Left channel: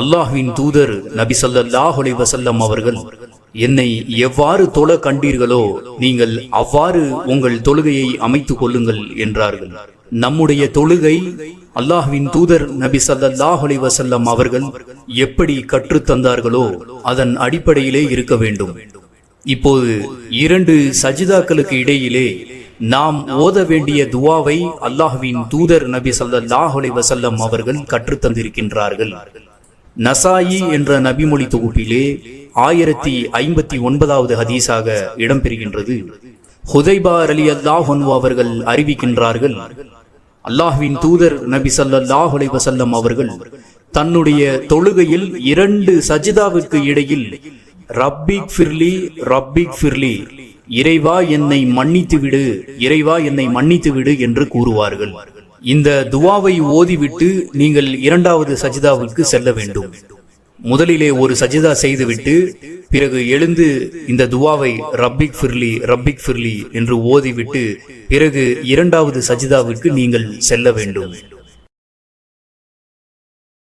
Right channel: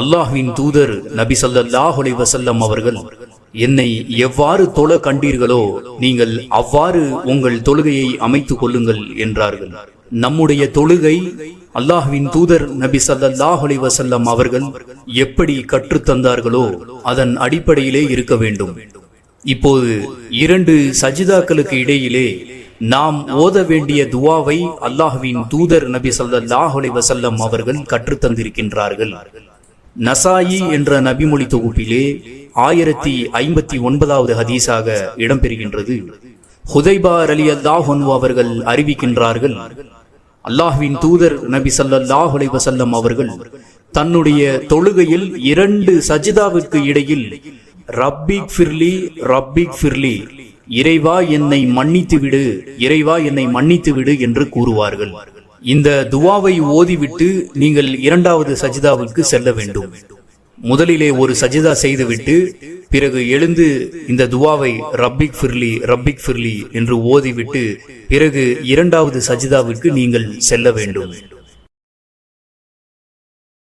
அல்லாஹ்வின் தூதர் நபி ஸல்லல்லாஹு அலைஹி வஸல்லம் அவர்கள் என்னை எவ்வாறு தொழ கண்டீர்களோ நீங்கள் அவ்வாறு உங்கள் தொழுகையை அமைத்துக் கொள்ளுங்கள் என்றார்கள். நம்முடைய தொழுகை அல்லாஹ்வின் தூதர் நபி ஸல்லல்லாஹு அலைஹி வஸல்லம் அவர்கள் எப்படி கற்றுத் தந்தார்களோ அதன் அடிப்படையிலே இருக்க வேண்டும். இப்போது 2 சஜிதாக்களுக்கு இடையிலே நாம் ஓத வேண்டிய துவாவை அல்லாஹ்வின் தூதர் நபி ஸல்லல்லாஹு அலைஹி வஸல்லம் அவர்கள் கற்றுத் தந்திருக்கின்றார்கள். நசாயி என்ற நபிமொழி தொகுப்பிலே 1059வது ஹதீஸாக இடம்பெறுகின்றது. ஹுதைபா ரலியல்லாஹு அன்ஹு அவர்கள் அறிவிக்கின்றார்கள், அல்லாஹ்வின் தூதர் நபி ஸல்லல்லாஹு அலைஹி வஸல்லம் அவர்கள் தன்னுடைய தொழுகையில் 2 சஜிதாவிற்கு இடையில் ரப்பிக் ஃபிர்லி ரப்பிக் ஃபிர்லி, இறைவா என்னை மன்னித்து விடு, இறைவா என்னை மன்னித்து விடு என்று கூறுவார்கள். இந்த துவாவை ஓதிவிட்டு நீங்கள் 2வது சஜிதாவிற்கு செல்ல வேண்டும். முதலிலே ஒரு சஜிதா செய்துவிட்டு பிறகு எழுந்து இந்த துவாவை ரப்பிக் ஃபிர்லி ரப்பிக் ஃபிர்லி என்று ஓதிவிட்டு பிறகு 2வது சஜிதாவிற்கு நீங்கள் செல்ல வேண்டும்.